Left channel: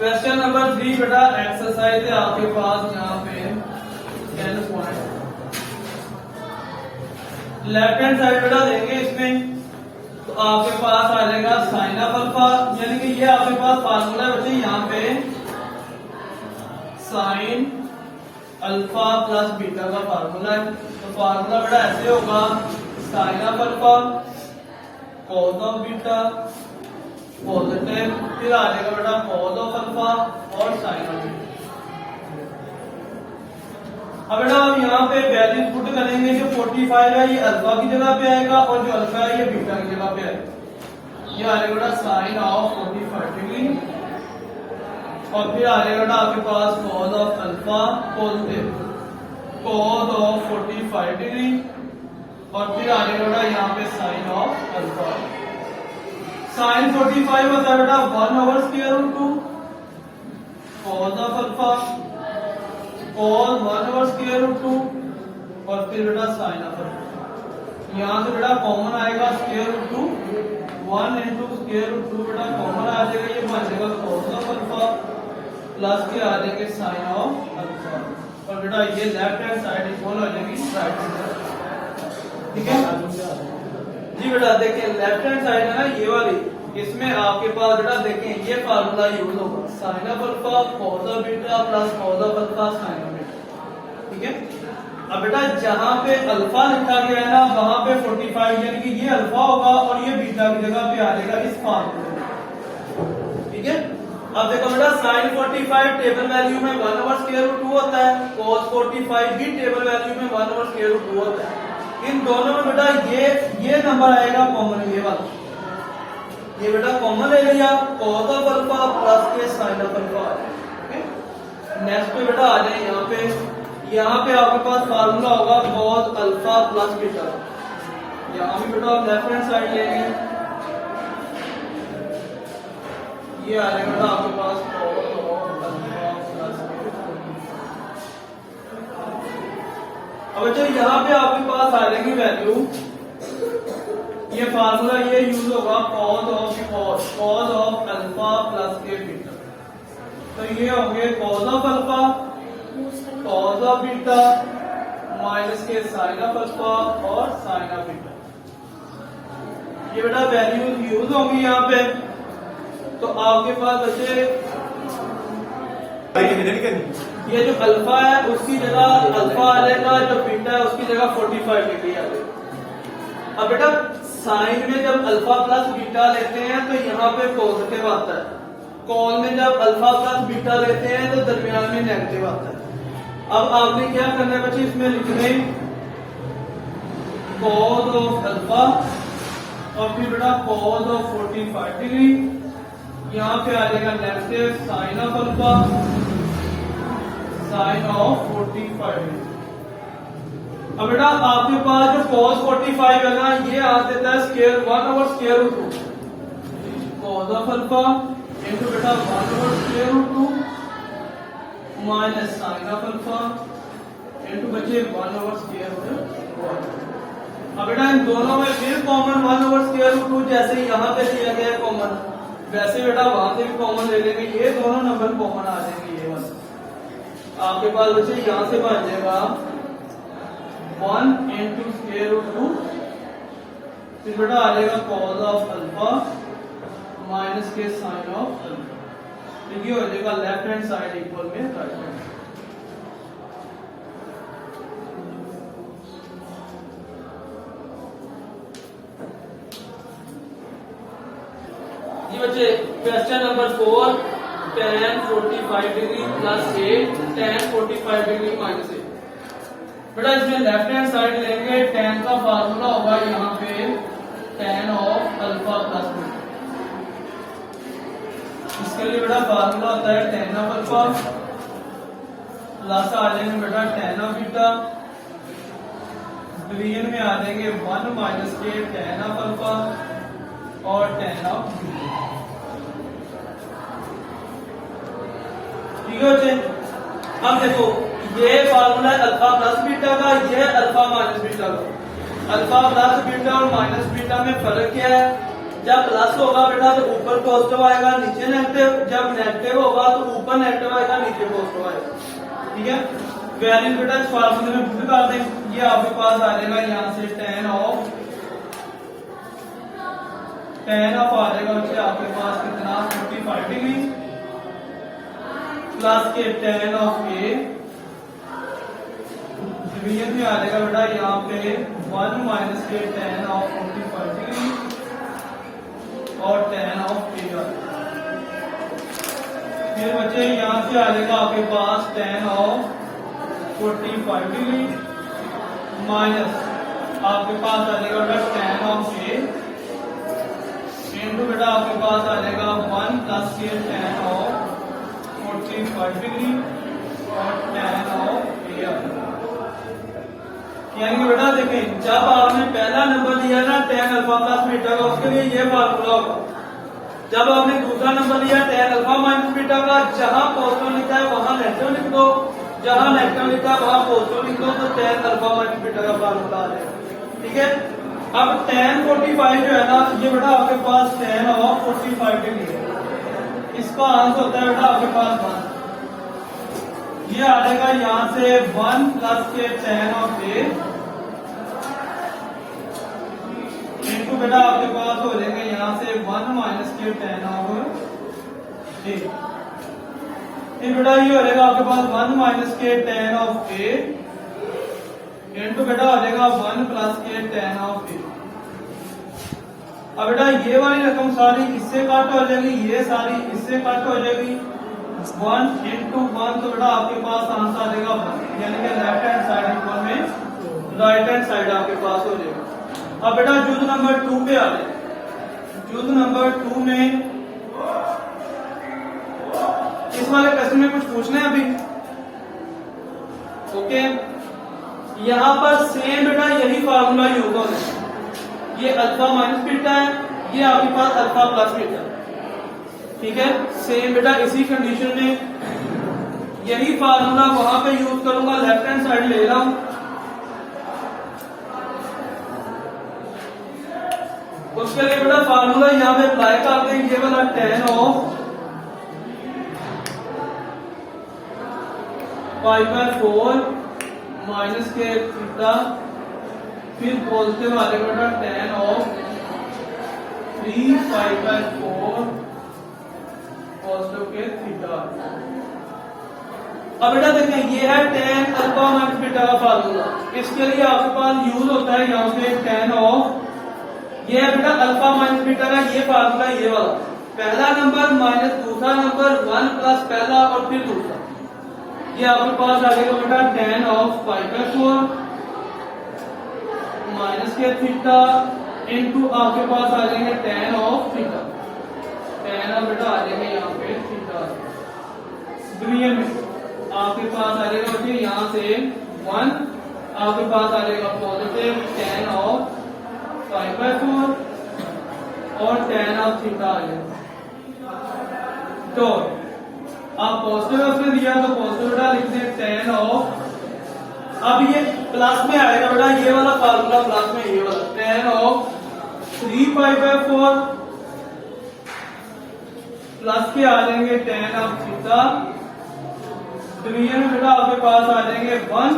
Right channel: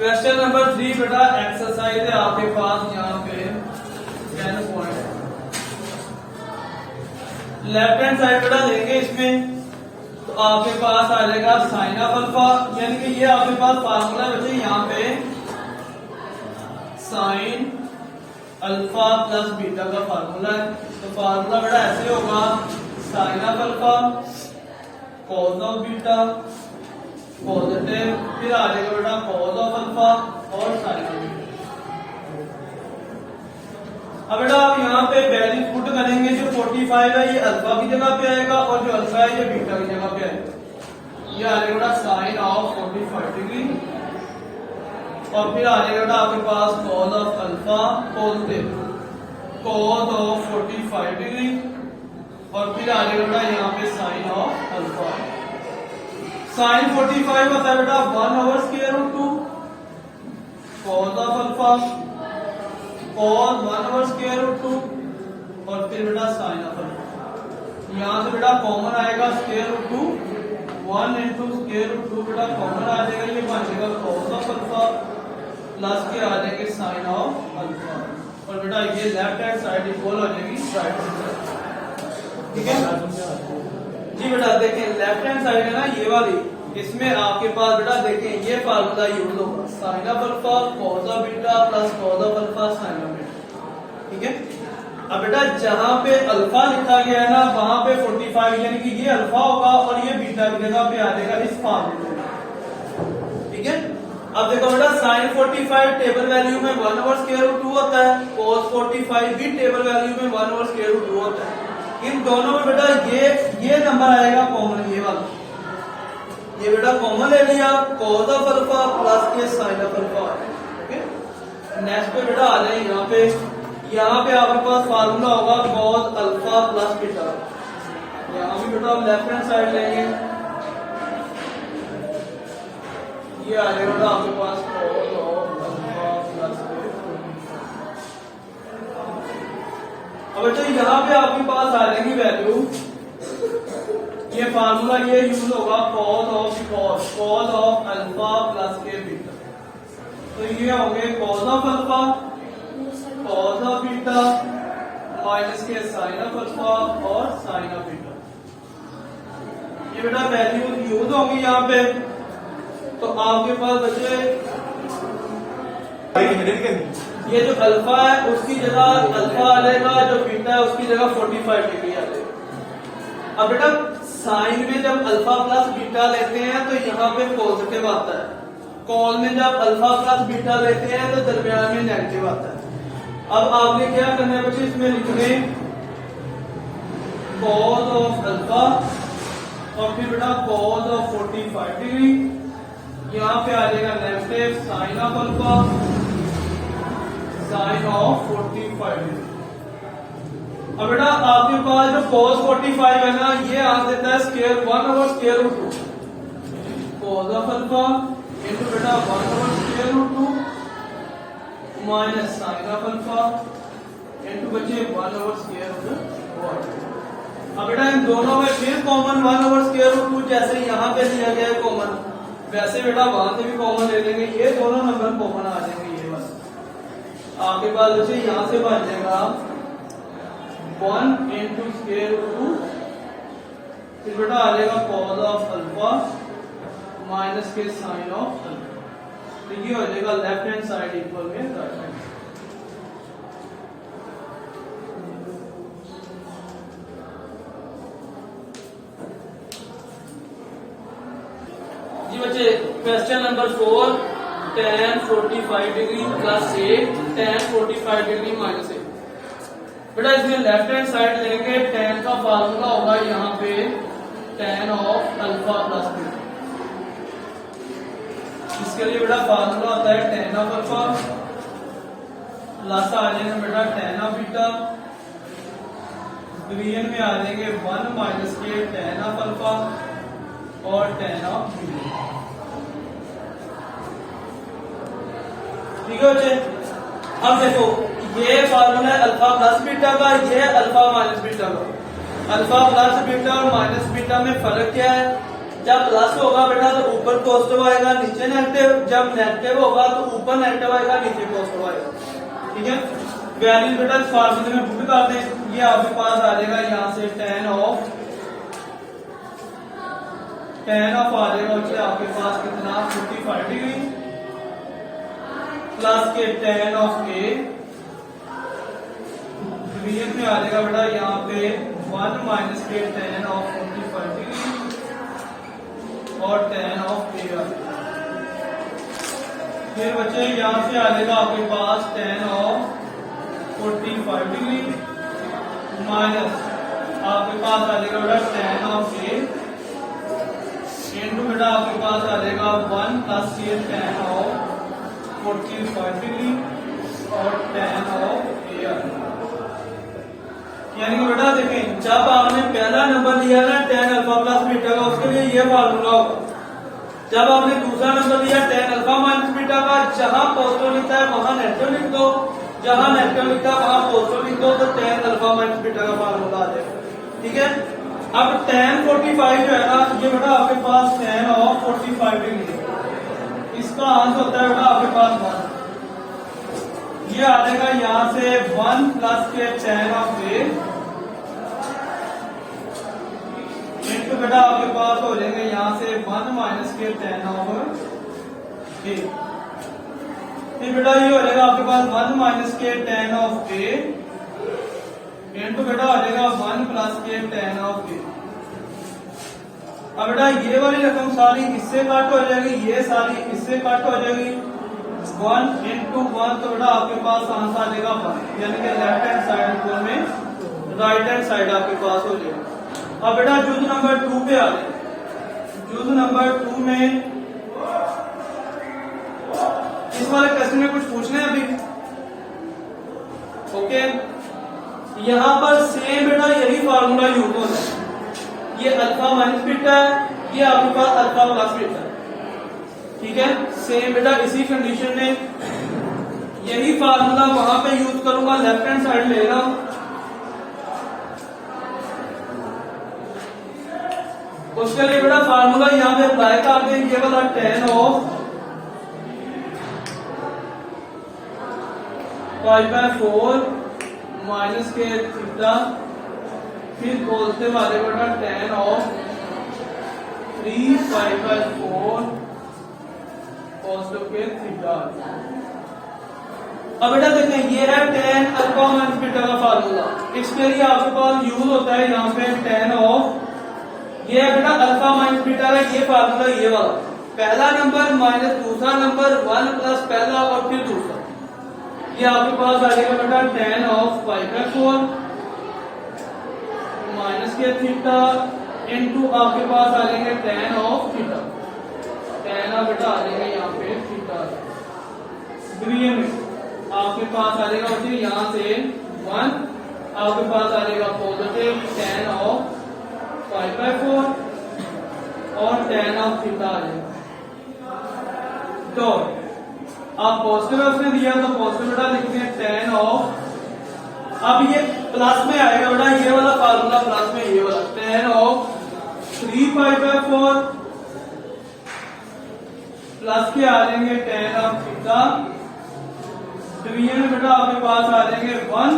Question number 3 बेटा exercise है आपके पास यहाँ पे 10 पॉइंट। लेफ्ट हैंड साइड बेटा लेंगे इसमें तो आपके पास आ जाएगा साइन ऑफ अल्फा, यानी कि ये आपके पास फार्मूला बच्चे यहाँ पे साइन अल्फा प्लस बीटा का फार्मूला है। तो फार्मूला बेटा ऐसे होगा sine of alpha cos of beta positive, फिर आ जाएगा बेटा कॉस ऑफ अल्फा और साइन ऑफ बीटा। अब बेटा आप यहाँ पे वैल्यू पुट करेंगे, जो 45 है ये अल्फा की जगह पे आएगा और जो अल्फा है ये बीटा की जगह पे आएगा। ये आ जाएगा बेटा साइन ऑफ 45 डिग्री और फिर आ जाएगा बेटा आपके पास cos of alpha positive cos of 45 degree और फिर आ जाएगा बेटा यहाँ पे साइन ऑफ अल्फा। साइन 45 होता है बेटा 1/√2 कॉस ऑफ अल्फा कॉस 1/√2 और फिर बेटा साइन ऑफ अल्फा। यहाँ से बेटा कॉमन आएगा √2 1 into √2 बेटा कॉमन आ जाएगा, ये बन जाएगा कॉस ऑफ अल्फा प्लस के आ जाएंगे साइन ऑफ अल्फा और बेटा ये लेफ्ट हैंड साइड इक्वल हो जाएगी राइट हैंड साइड। ठीक है जी बेटा, देखें लेफ्ट हैंड साइड है ना ये वाली, इसमें आपके पास बेटा देखें ये फार्मूला यूज होगा sine of alpha cos of beta plus cos of alpha sine of beta. ठीक है, अब बेटा जहां पे अल्फा लिखा गया है ना वहां पे 45 यानी कि ये अल्फा होगा और ये बीटा की जगह पे आ जाएगा इस फार्मूले में। ठीक है, अब देखो बेटा साइन 45 टेबल वैल्यू में 1/√2 होता है, कॉस 45 भी टेबल वैल्यू में 1/√2 होता है। इन दोनों में बेटा ये नंबर आएगा कॉमन, ये वाला ये बेटा कॉमन ले लिया कॉस ऑफ अल्फा प्लस के sine of alpha. Okay, next पे बेटा आ जाए यहाँ पे आपके पास फार्मूला होगा कॉस अल्फा प्लस बीटा। यहाँ भी बेटा आप लेफ्ट हैंड साइड लेंगे, ये आ जाएगा बेटा आपके पास कॉस ऑफ अल्फा प्लस। अब बच्चों यहाँ पे आपके पास आ जाएगी वैल्यू, ये फार्मूला ये यूज होगा कॉस ऑफ अल्फा प्लस के बीटा। तो ये होंगे cos of alpha cos of beta minus के साइन ऑफ अल्फा और साइन ऑफ बीटा। ये बेटा वैल्यू यूज होंगी यहाँ पे। तो आपके पास बचे ये जो अल्फा है उसकी जगह अल्फा आ जाएगा, जो बीटा है उसकी जगह 45 डिग्री आ जाएगा। अब बेटा साइन में जब अल्फा प्लस बीटा लेते हैं तो यहाँ पे पॉजिटिव आता है, कॉस में जब अल्फा प्लस बीटा लेते हैं तो दरमियान में नेगेटिव आता है। अब आपने क्या करना है बच्चे, इसमें लिखने कॉस ऑफ अल्फा और फिर बेटा कॉस ऑफ 45 डिग्री, यहाँ पे आ जाएगा negative sine of alpha sine of 45 degree. अब बेटा आपके पास जो cos 45 है ना ये आ जाता है square 1/√2 cos of alpha into बेटा 1/√2 minus sine of alpha into बचे 1/√1। अब बेटा इन दोनों में फिर कॉमन 1/√2 जैसे यहाँ पे दिया गया है कॉमन, वैसे बेटा वहां से भी कॉमन ले लेंगे, ये दोनों नंबर कॉमन आ जाएंगे। ये वाला आपके पास बच्चे यहाँ से बन जाएगा 1 into √2 फिर बेटा आ जाएगा कॉस ऑफ अल्फा माइनस के साइन ऑफ अल्फा। तो ये हो जाएगा लेफ्ट हैंड साइड इक्वल में राइट हैंड। जी बच्चे question number 4 tan 45 degree plus 8 tan 45 degree minus 8। बेटा इसमें लेफ्ट हैंड साइड लेंगे, tan का फार्मूला होगा यहाँ पे tan of alpha plus beta. इसके लिए बेटा फार्मूला होता है tan ऑफ अल्फा प्लस आ जाएंगे बेटा tan ऑफ बीटा, डिवीजन में आ जाएंगे 1 माइनस के tan ऑफ अल्फा और tan ऑफ बीटा। ठीक है, अब देखो ये फार्मूला है अल्फा प्लस बीटा का, ये अल्फा माइनस बीटा का। अल्फा प्लस बीटा और माइनस बीटा में फर्क क्या है? जब प्लस होगा बेटा तो ऊपर पॉजिटिव आएगा, नीचे नेगेटिव। जब नेगेटिव होगा तो ऊपर नेगेटिव आएगा, नीचे पॉजिटिव आएगा। ठीक है, वैल्यू बेटा इस फार्मूले में पुट कर दें। ये आपके पास आ जाएगा यहाँ से tan ऑफ आ जाएगा बच्चे आपके पास कितना 45 डिग्री प्लस के tan ऑफ a डिवीजन में आ जाएगा बेटा यहाँ पे 1 माइनस के tan ऑफ 45 डिग्री और tan ऑफ a। फिर बच्चे यहाँ से आ जाएगा आपके पास tan ऑफ 45 डिग्री माइनस आपके पास आ जाएगा बेटा tan ऑफ a इंटू बेटा आपके पास आ जाएगा 1 प्लस के tan ऑफ 45 डिग्री और tan ऑफ a। यानी कि बेटा देखें, जब आपने पहला नंबर लिया ना tan अल्फा प्लस बीटा का, उसके लिए ये फार्मूला होगा। जब आपने दूसरा नंबर लिया tan अल्फा माइनस बीटा का, जहां पॉजिटिव लिखा है वहां नेगेटिव लिख दो, जहां नेगेटिव लिखा है वहां पॉजिटिव लिख दो, तो tan अल्फा माइनस बीटा का फार्मूला आ जाएगा। ठीक है, अब tan 45 जो है ना, ये बेटा आपके पास tan ऑफ 45 डिग्री है। इसका आंसर होता है बेटा आपके पास 1। ये आ जाएगा यहाँ से 1 प्लस के tan ऑफ a इनको बेटा आपके पास हो जाएगा यहाँ से 1 माइनस के tan ऑफ a। फिर बेटा ये हो जाएगा आपके पास 1 माइनस के tan ऑफ a इनको बेटा आ जाएगा 1 प्लस के tan ऑफ a। अब बेटा ये वाली रकम सारी इससे कट हो जाएगी, ये सारी इससे कट हो जाएगी। 1 इंटू 1 तो बेटा आपके पास आंसर आ जाएगा 1, यानी कि लेफ्ट हैंड साइड इक्वल में राइट हैंड साइड आपके पास हो जाएगा। अब बेटा जुज नंबर 2 पे आ जाए। जुज नंबर 2 में इस वाले क्वेश्चन में कुछ पूछना है अभी? ओके, यहां पर सेम बेटा यही फार्मूला यूज होता है। ये अल्फा माइनस बीटा है, ये आपके पास अल्फा प्लस बीटा है। ठीक है, सेम बेटा इसी कंडीशन में यही फार्मूला वहां पे यूज करूंगा। लेफ्ट हैंड साइड ले रहा हूं, उसके लिए बेटा फार्मूला यहाँ पे अप्लाई कर दें। ये वाला tan ऑफ 5/4 माइनस के थीटा, फिर पॉजिटिव आ जाएगा बेटा tan ऑफ 3/4 पॉजिटिव के थीटा। अब बेटा देखें, ये है tan अल्फा माइनस बीटा का फार्मूला। इसके लिए आपके पास यूज होता है यहाँ पे tan ऑफ, ये है बेटा अल्फा माइनस बीटा का ये फार्मूला, ये वाला पहला नंबर माइनस दूसरा नंबर 1 प्लस पहला और फिर दूसरा। ये आपके पास आ जाएगा बेटा tan ऑफ 5/4 माइनस के थीटा इनटू आपके पास आ जाएंगे tan of theta. tan of बेटा आ जाएगा यहाँ पे थीटा। द्वितीय में आपके पास आ जाएगा बच्चे यहाँ से 1, आपके पास आ जाएगा पॉजिटिव tan ऑफ 5/4 और tan ऑफ थीटा आ जाएगा। तो आप पॉजिटिव उसने दिया तो पॉजिटिव बेटा लिख दें tan ऑफ, अब ये प्लस में आएगा बेटा ये वाला फार्मूला प्लस में, ये वाला tan ऑफ 3/4 प्लस के आ जाएंगे tan ऑफ थीटा। डिवीजन में बेटा आपके पास आ जाएंगे 1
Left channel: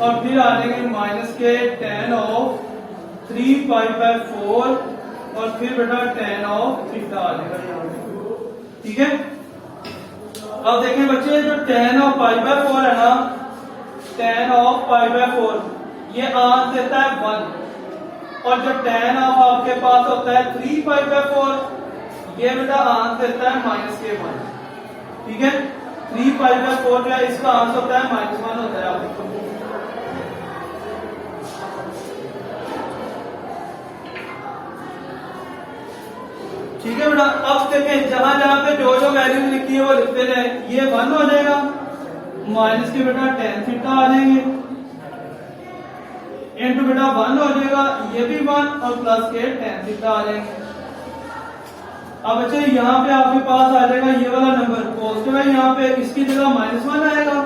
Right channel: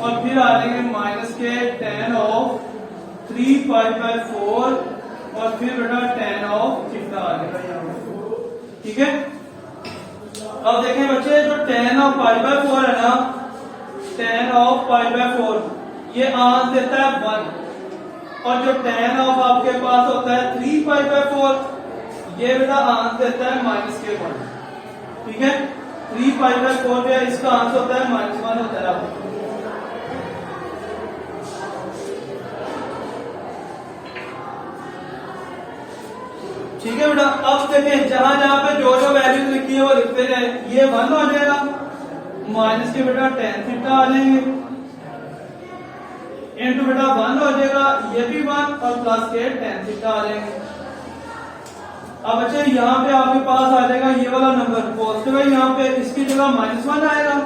और फिर आ जाएंगे माइनस के tan ऑफ 3/4 और फिर बेटा tan ऑफ थीटा आ जाएगा। ठीक है, अब देखें बच्चे जो tan ऑफ 5/4 है ना, tan ऑफ 5/4 ये आंसर देता है 1 और जो tan ऑफ आपके पास होता है 3/4 ये बेटा आंसर देता है माइनस के 1। ठीक है, 3/4 जो है इसका आंसर होता है -1 होता है आपको। ठीक है बेटा, अब देखें जहां जहां पे जो जो वैल्यू लिखी है वो लिखते रहे। ये 1 हो जाएगा, माइनस के बेटा tan थीटा आ जाएंगे इनटू बेटा 1 हो जाएगा, ये भी 1 और प्लस के tan थीटा आ जाएंगे। अब बच्चे यहाँ पे आपके पास आ जाएगा ये वाला नंबर पॉजिटिव है, यहाँ पे इसकी जगह -1 आएगा,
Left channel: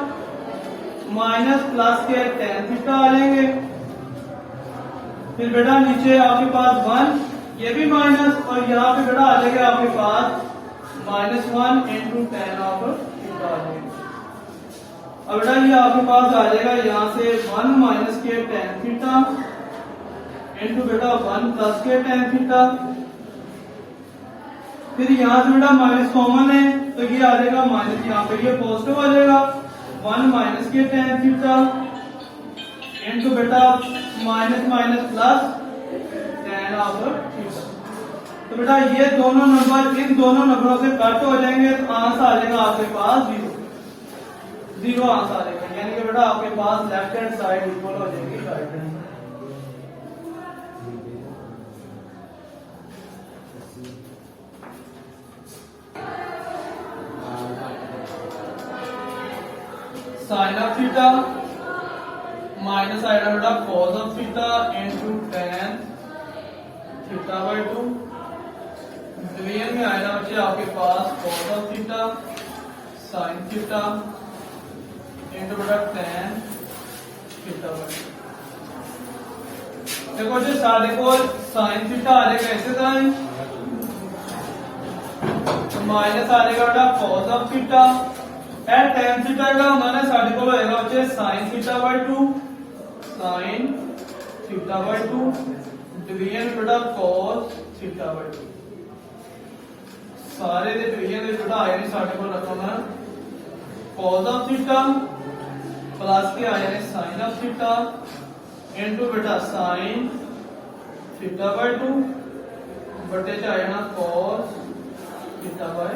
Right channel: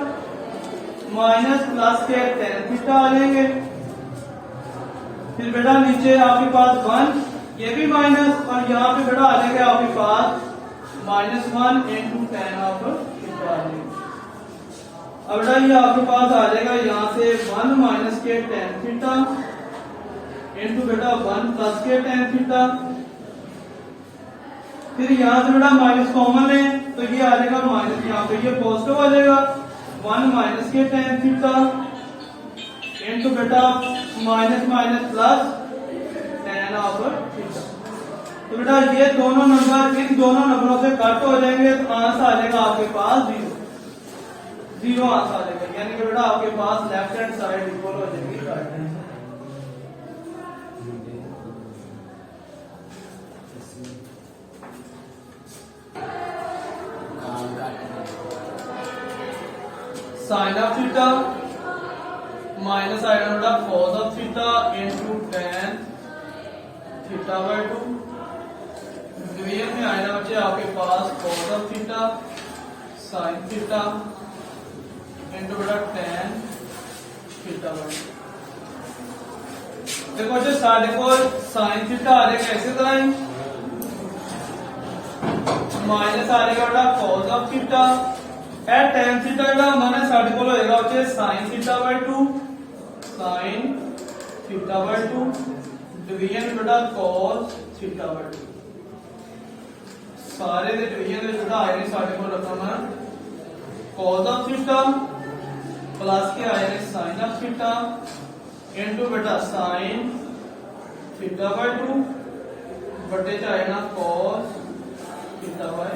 माइनस प्लस के tan थीटा आ जाएंगे। फिर बेटा नीचे आपके पास 1 ये भी माइनस, और यहाँ पे बेटा आ जाएगा आपके पास -1 इंटू टेन ऑफ थीटा आ जाएगा। अब बेटा ये आपके पास आ जाएगा यहाँ से 1 माइनस के टेन थीटा इंटू बेटा 1 प्लस के टेन थीटा। फिर यहाँ से बेटा माइनस कॉमन है तो ये आ जाएगा माइनस, यहाँ पे ये पॉजिटिव आ जाएगा 1 माइनस के टेन थीटा इंटू बेटा minus minus plus ten of theta. तो बेटा ये दोनों नंबर इन दोनों नंबरों से कट हो जाएंगे तो आंसर आ जाएगा आपके पास 0 आंसर आ जाएगा, यानी कि बेटा आपके पास लेफ्ट हैंड साइड इक्वल हो जाएगी right hand. Sine of theta minus आएगा बेटा cos of theta into tan theta by 2। द्वितीय में आएगा बच्चे आपके पास cos of theta sine theta into बेटा टेन थीटा बाय 2। देखो जो साढ़े को साइन थीटा आ जाएगा कैसे साइन माइनस आ जाएगा बेटा cos of theta at ten theta का हमारे साढ़े को होएगा बच्चे sine theta by 2 sine theta by 2 division बेटा कॉस थीटा बाय 2। सारे दे डिवीजन दे बेटा आए ने साढ़े को रकम है कॉस ऑफ थीटा प्लस के आए ने साइन ऑफ थीटा इनटू बेटा साइन थीटा बाय 2 बटे चाहे ना कॉस थीटा बाय।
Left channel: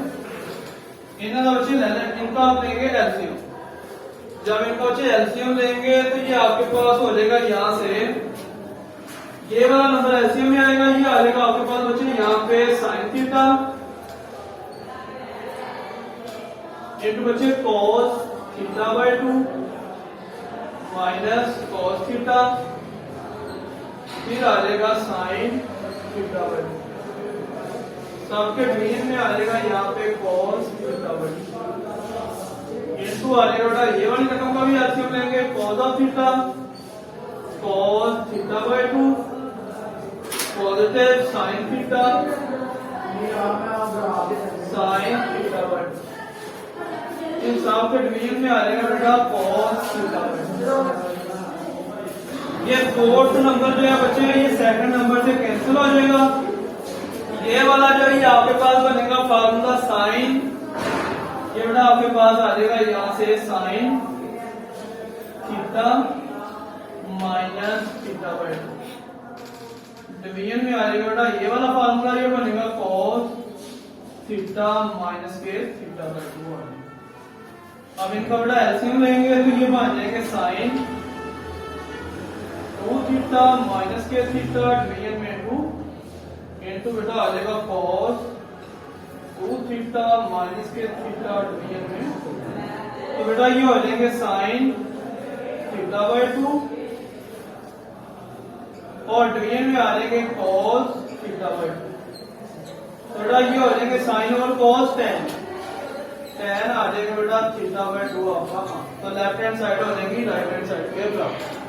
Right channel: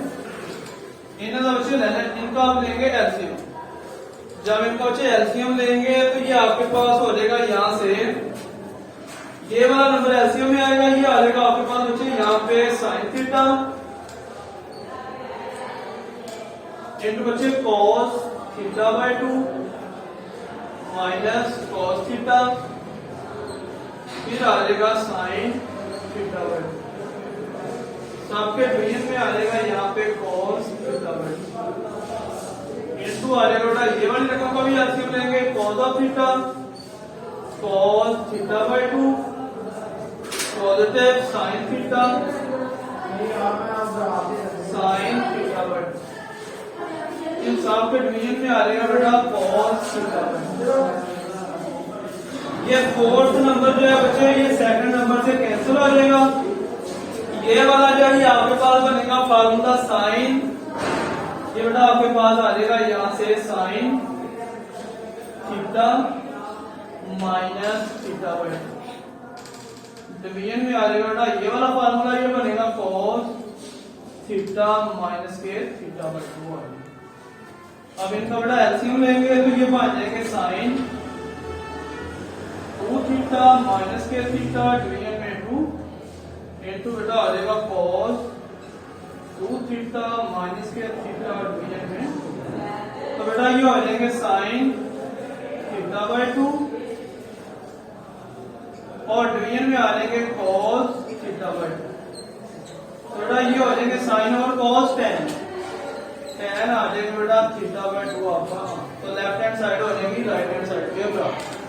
इन्हें तो बच्चे इनको आप लेंगे एलसीएम, जब इनको बच्चे एलसीएम लेंगे तो ये आपके पास हो जाएगा यहाँ से ये वाला नंबर एलसीएम में आएगा, ये आ जाएगा आपके पास बच्चे यहाँ पे साइन थीटा इंटू बच्चे cos theta by 2 minus cos theta फिर आ जाएगा साइन थीटा बाय 2। सबके डिवीजन में आ जाएगा यहाँ पे cos थीटा बाय 2 इंटू आ जाएगा बेटा ये वाली रकम का भी एलसीएम लेंगे cos of theta cos theta by 2 positive sine theta sine theta by 2। इन सब के डिवीजन में आ जाएगा बेटा cos थीटा बाय 2। ये फोर्थ नंबर जो है बच्चे ये सेकंड नंबर से कैंसिल हो जाएगा। ये वाला जो है आपके पास बनेगा फार्मूला साइन, ये बेटा आपके पास आ जाएगा यहाँ से sine theta minus theta by 2। Division में आ जाएगा बेटा ये वाला फार्मूला ये बनेगा कॉस थीटा माइनस के थीटा बाय 2 आएगा। अब इनका बेटा एलसीएम लेंगे तो ये बन जाएंगे साइन 2 थीटा माइनस के थीटा डिवीजन में 2 इंटू बेटा आ जाएगा cos 2 थीटा माइनस के थीटा डिवीजन में। तो बेटा ये हो जाएंगे साइन थीटा बाय 2 और डिवीजन में आ जाएंगे cos थीटा बाय 2। तो बेटा ये हो जाएंगे साइन और cos tan आ जाएगा बेटा थीटा बाय 2 आपका। तो लेफ्ट हैंड साइड हो जाएगी राइट हैंड साइड।